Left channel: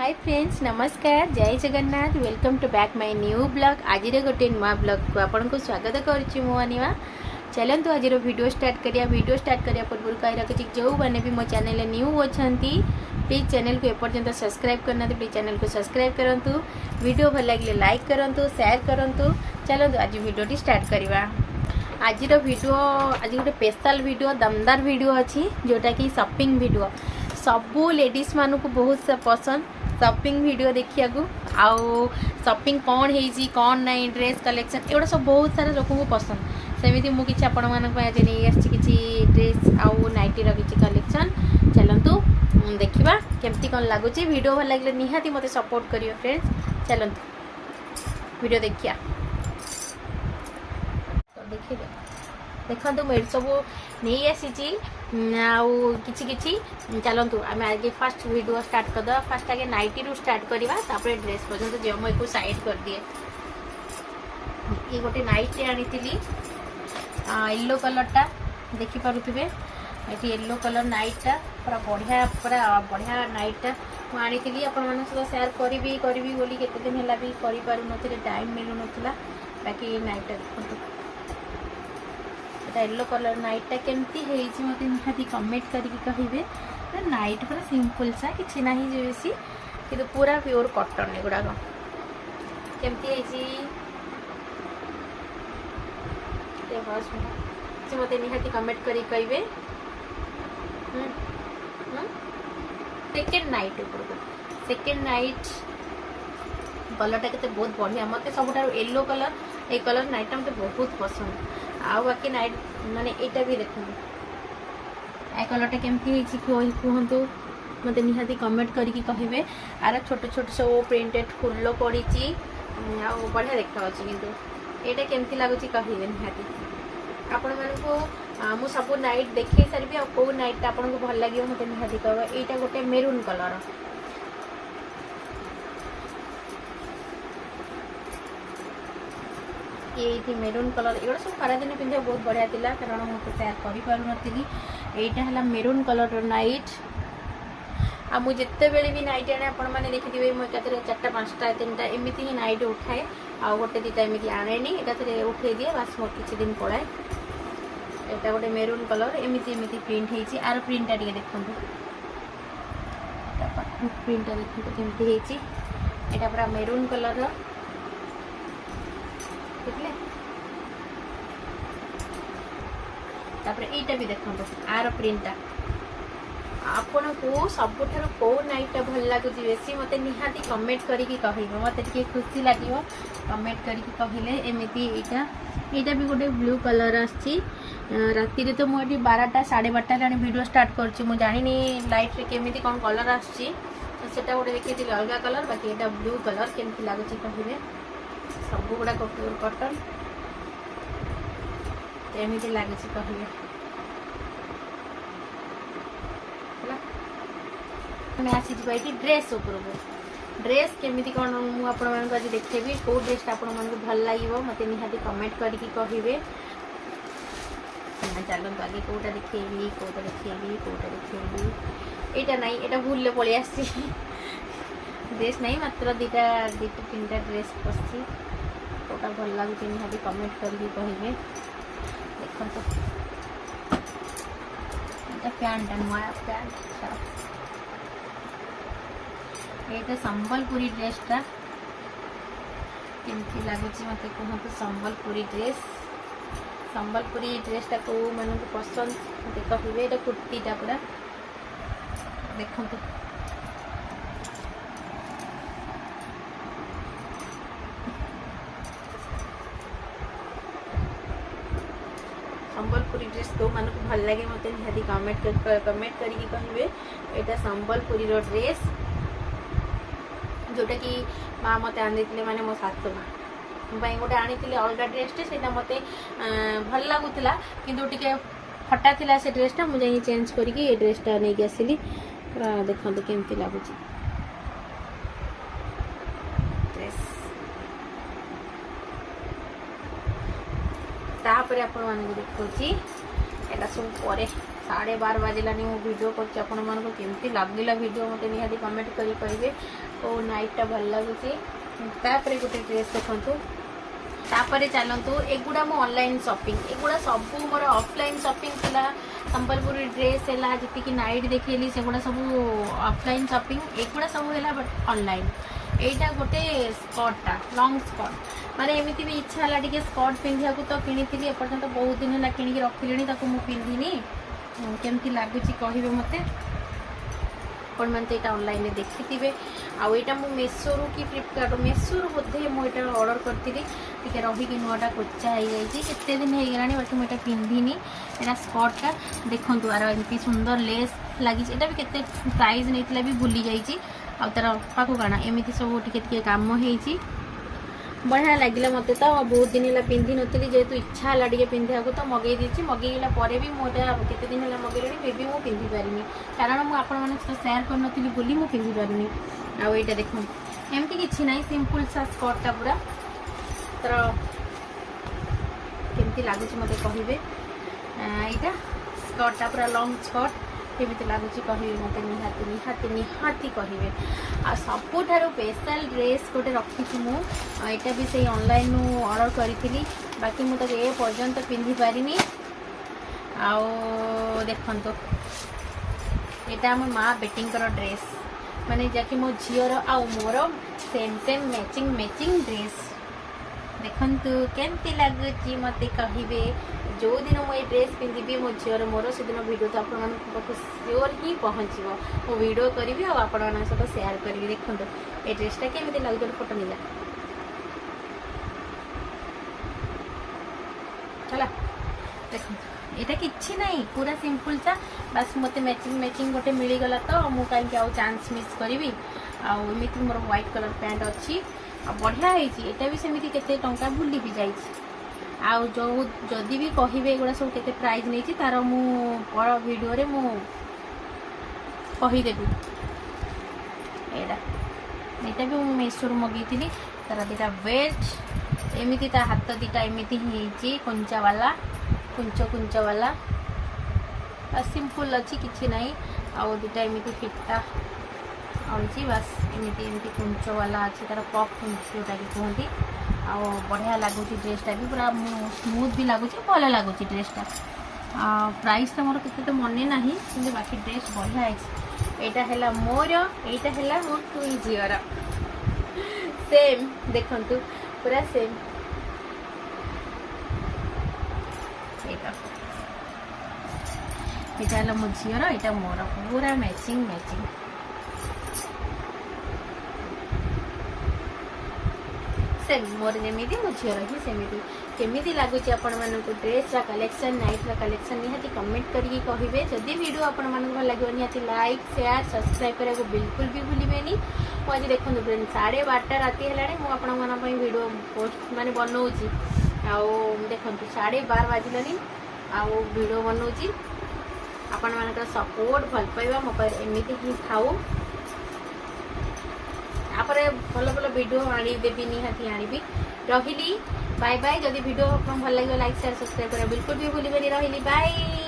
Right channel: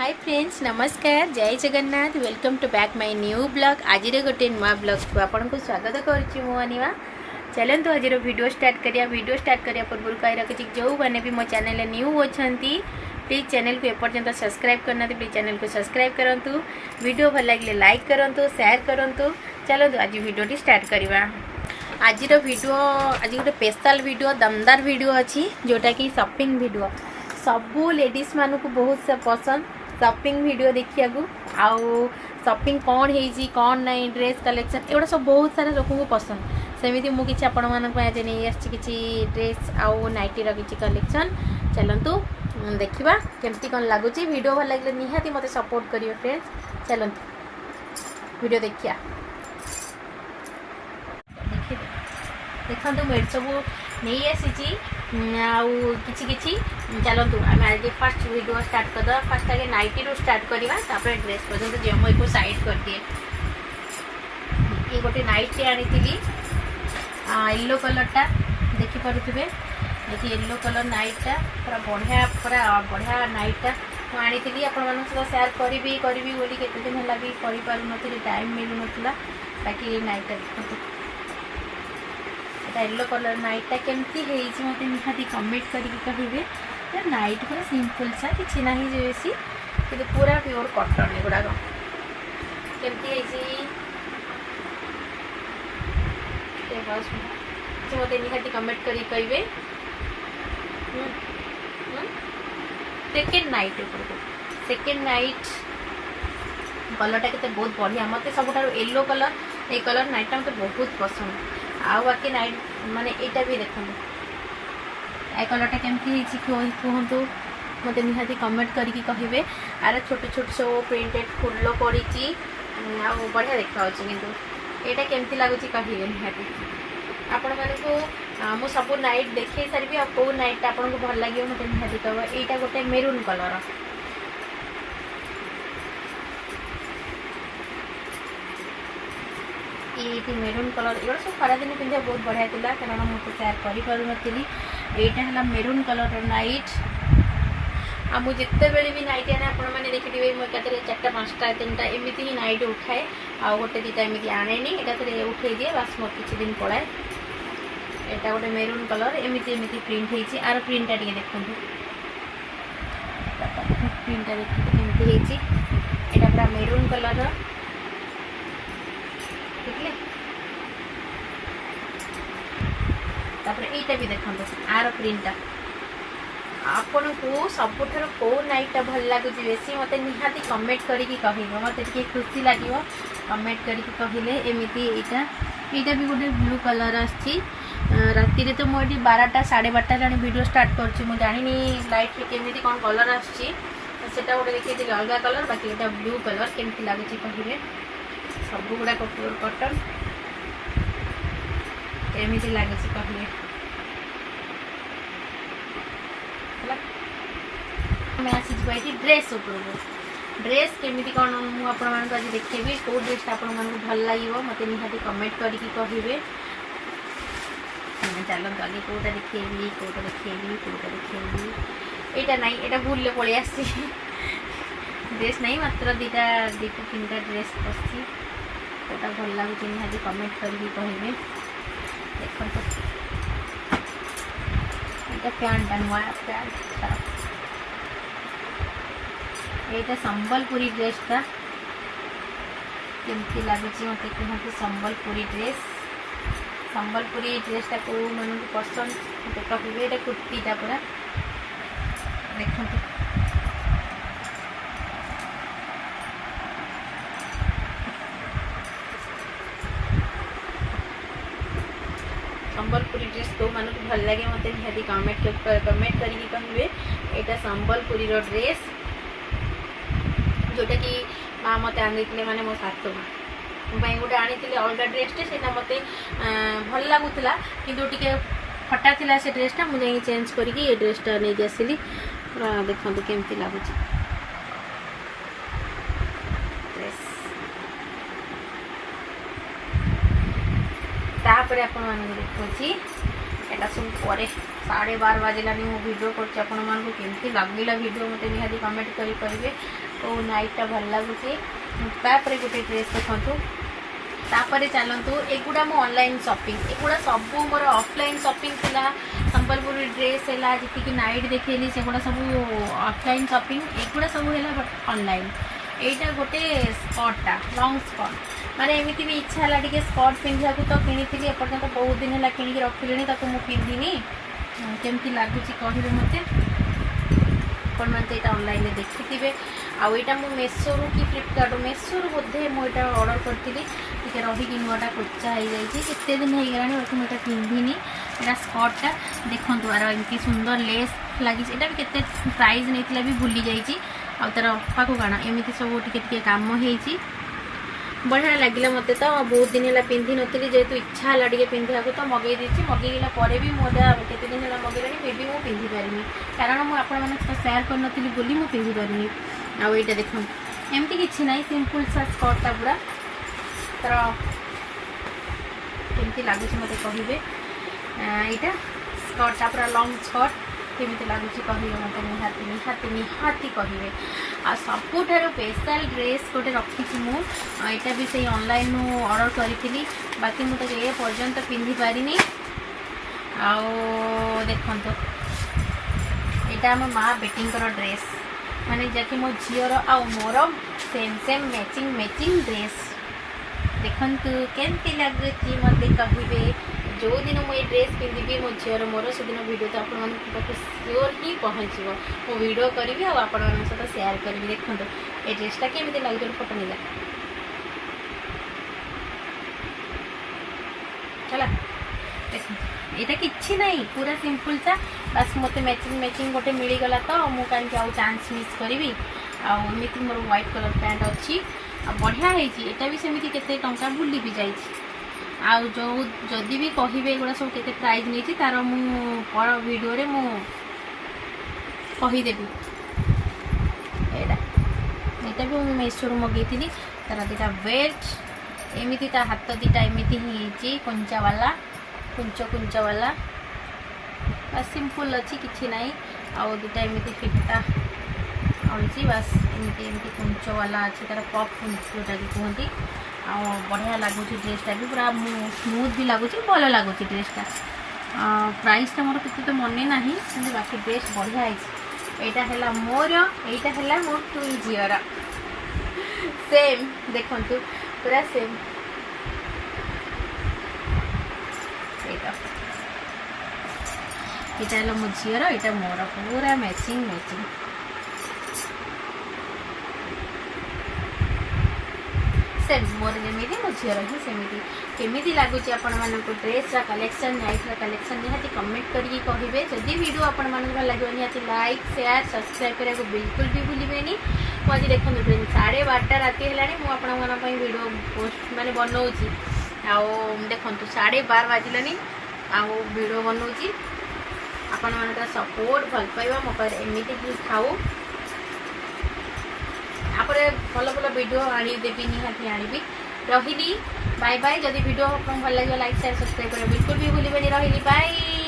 हाय friends नमस्कार जय Jagannath welcome to back my new blog आज गोटे नुआ ब्लॉग को आपन को स्वागत करुच्ची मो अनिमा चलतु आज वीडियो स्टार्ट करिया पूर्व कही रखी जो मैंने भी मो चैनल न्यू अच्छी प्लीज चैनल को एपर्यंत सब्सक्राइब करना प्लीज चैनल को सब्सक्राइब करूँ वीडियो भल लगे लाइक करूँ शेयर करूँ चलतु आज वीडियो स्टार्ट करवा आज वीडियो आज गोटे स्पेशल वीडियो दमदार वीडियो अच्छी जोटा कि शॉपिंग वीडियो सबू लेडीज मानू बहुत पसंद शॉपिंग वीडियो देखिया आउ शॉपिंग कौन है कौन ना ड्रेस कलेक्शन एगुड़ा सब बहुत सारा लोक को पसंद सेमती मुझे आपण आज नहीं आसी ड्रेस आउ नाइटीर किसी कलेक्शन चलतु देखा केमती कौन लगुच वीडियो भल लगे निहाती मत सपोर्ट करियो फ्रेंड्स चलतु वीडियो देखिया देखो मुझे सब नहीं आसी किसी चलतु आम आज फास्ट वीडियो स्टार्ट करदे फास्ट आगे नाइटी रू स्टार्ट करवा ड्रेस पर्यटन जमई को साइड कर दिए ये गोटे नाइटी आनी येलो कलरटा देखिपे येलो कलर नाइटा पूरा बढ़िया नाइटा मुझे आपण सेयार करी बोली केते दिन है भी कर टाइम मिलू ना बाकी नाइटा देखते येलो कलर नाइटा केमती है मत निहाती कमेंट करके कहे नाइट पूरा सिंपल सा कि ना बेसी कि पूरा प्योर कटन एगुड़ाक केमती मत निहाती कमेंट करके कहे सेकेंड नाइट सेकेंड नाइट कलरटा के बहुत बढ़िया मत सब येलो कलर ये कलर नाइटा मत बहुत पसंद आउ बाकी नाइट माने एटा भी देखो ए कलरटा केमती कहतु मत निहाती कमेंट करके कहे आर छोट छोट सब प्रिंटेड फुल पड़ी बढ़िया देखा किंतु एटा केमती लगुच कहे निहाती आपण मानू मु सब नाइट देखे सारी आ कौ नाइट आपन को भल लगे मत निहाती कह एटा गोटे मेरून कलर ये मेरून कलर एगुड़ा सब खरा दिन पिंधा बहुत बढ़िया था कारण मुझे सेयार करी यहाँ है मेरून कलर नाइट आ मुझे बेले भी नाइट आने आपण मैंने देखिए मुझे चार्टा पाँचटा तीन एमती ही नाइट उठाए आ गोटे दीटा एमती आने एकाथरे उठे दिए बास मोर किसी दिन पलाए यहाँ गोटे मेरून कलर एमती एमती प्रिंट होती आर प्रिंटा टे देखते प्रिंटा देखते केमती यहाँ पूरा मेरून कलर यहाँ भी देखो आर प्रिंटा आपन को सबुठ कौ नाइटा भल लगुच बेसी मत निहाती कमेंट करके कहे मत खुशी लगे कमेंट करके कहले एमती यहाँ भी गोटे ब्लू कलर आसी राति तो मुझे 12टा 12:30 जाने वीडियो स्टार्ट कर जानी लाइट रे केमी कौन कलर आसटा गोटे देखिए अलग कलर बाकी यहाँ ब्लू कलर केमती लगुच कहे सब गुड़ाक प्योर कटन एमती लगुच कहे आसी ड्रेस ड्रेस केमी कौन मुझे आज देखेबी कौ ड्रेस आपण भल लगे मत निहाती कमेंट करके कहे चलते आगे कौटा देखेबी कौटा देखेबी कौटा देखेबी यहाँ ना यहाँ भूल पलि आसी ड्रेस नहीं मात्र दीटा 3टा ड्रेस पसी कौटा भल लगुच निहाती कमेंट करके कहे देखो यहाँ पैंटा नुआ पैंट ये संबलपुरी ड्रेसटा केमती लगुच मत कहते संबलपुरी ड्रेसटा कौ मन पसंद मत कहे ये कुर्तीटा पूरा देखो संबलपुरी ड्रेस तो मानक भल लगे मत निहाती कमेंट करके कहे यहाँ संबलपुरी ड्रेस जोटा कि माँ मत आनी माने मो सासु माँ गोटे आनी अलग ड्रेसटे से मत भल लगुला किंतु टिके फटा थिला से ड्रेसटा मुझे चेंज करके ये ड्रेसटा नहीं आसली पूरा देखो केमती लगुच तापर आपण मानक देखुची एटा सब पर 12:30 बाजिलानी मो वीडियो करमती लगेगा वीडियो मत निहाती कमेंट करेंगे ओ नाइटा भल लगुच तापर गोटे ड्रेस देखु तापर चलतु एगुड़ा मो ऑनलाइन शॉपिंग एगुड़ा सब मोर ऑफलाइन शॉपिंग थिला संबलपुरी ड्रेस है जी नाइट देखली से सब ऑफलाइन शॉपिंग एगुड़ा सब है बट ऑनलाइन एटा गोटे स्कर्टा लॉन्ग स्कर्ट माने एमती भी इच्छा है टे स्कर्ट पिंधा तो किनी एपर्तंत बहुत दिन है कि रखिले पिंधिनी केमती लगुच कहे मत आपण मैंने यहाँ ऑनलाइन देखिथे आउ यहाँ मुझे मेसोरू कि फ्लिपकार्ट मेसोरू बोधे मुझे ऑर्डर करी टे रही नुआटा कोचा हो जाते दिन हो गला बाकी मुझे पिंधिनी यहाँ स्कर्टा देखूँ आर एमती सुंदर लेस लगी भी केते प्राइस नहीं भी भूली जाइए आ तार पाक काण एमती सब टे काम हो बढ़िया लगे मत तो बहुत दिन है पिंधि नी जेहेतु इच्छा है टे पिंधा तो मगई देती मगेला भी मोटा केते दिन है मगेला मे भी मुझे पिंधि पारिनी कारण मुझे सेयार करनी बोली मुझे पिंधि पारिनी आउ यहाँ देख एमती किसी ना सिंपल सा स्कर्टा पूरा तर केमती लगुच मत कहे यहाँ स्कर्टा पूरा लॉन्ग स्कर्ट केमती लगुच कहे मत निहाती निहाती निहाती कहे आ सबुठ स्पेशल ड्रेस गोटे रखी मुझे भी से ऑनलाइन ऑर्डर करी बाकी मुझे ए पर्यंत पिंधि पारिनी आउ देखो यहाँ आम माँ बेटी ड्रेस माने जाकि मो झीर आउ मोर same same matching matching dress देखु केमती लगुच मत कहे जो दिन मुझे ड्रेस पिंधि मो झीर मोर से दिन वीडियो तो आप श्योर ही पहुँचो मो वीडियो करी आपण सहित सेयार करी देखो ये ड्रेसटा केमती लगे फोटो नहीं चला देखो यहाँ किसी ना पूरा सिंपल सा बस मत मैचिंग मैचिंग गोटे मिलगला तो मुझे कहीं आउ चांस मिस करी आमती मोर व्हाइट कलर पैंट अच्छी बढ़िया है भी सेमती केते टंका भूली भी जाइए आउ जो जदि भी कहे एगुड़ा सब केते प्राइस नहीं तार मु वीडियो रे मु कहीदेवी यहाँ भी मुझे मेसोरू मगेती तार दीटा बेल्ट एमती ता हाथ दीटा एमती ही कुंचा वाला कुंच वाला सिंपल अच्छी किसी ना आउ दीटा एमती फिटा आनी बस एमती एमती कुंच वाला अच्छी तार पफ जोटा कि कहती आ बढ़िया लगुच ड्रेसटा भी पूरा स्मूथ भी लगुच भल लगुच ड्रेसटा प्राइसटा मोर के तो मन ना कि बाकी ड्रेस बढ़िया है यहाँ है मोर यहाँ है मोर टुई झीर सेम देखु पूरा सेम यहाँ है मो झीर यहाँ मोर पूरा मैचिंग मैचिंग सेम मोर जमी मो झीर ही सेमती केमी लगुच आपण मानक ड्रेस कलेक्शन नाइट कलेक्शन निहाती कमेंट करके कहे जदि वीडियो आपण मानक भल लगे निहाती लाइक शेयर सब्सक्राइब करा बिल्कुल भी भूलेनि मुझे देखो 12:30 राति है मुझे वीडियो पोस्ट माने बनाऊँगी आउ देखो 12:30 बाजिलानी आउ वीडियो बनाऊँगी आपण मान सपोर्ट भल पाइबा मो पर एमती ही थाऊ भल भल वीडियो आनीदेवी निहाती आनी रही बाय बाय जदि वीडियो भल लगे लाइक शेयर सब्सक्राइब कर बिल्कुल भी भूलेनि रही बाय।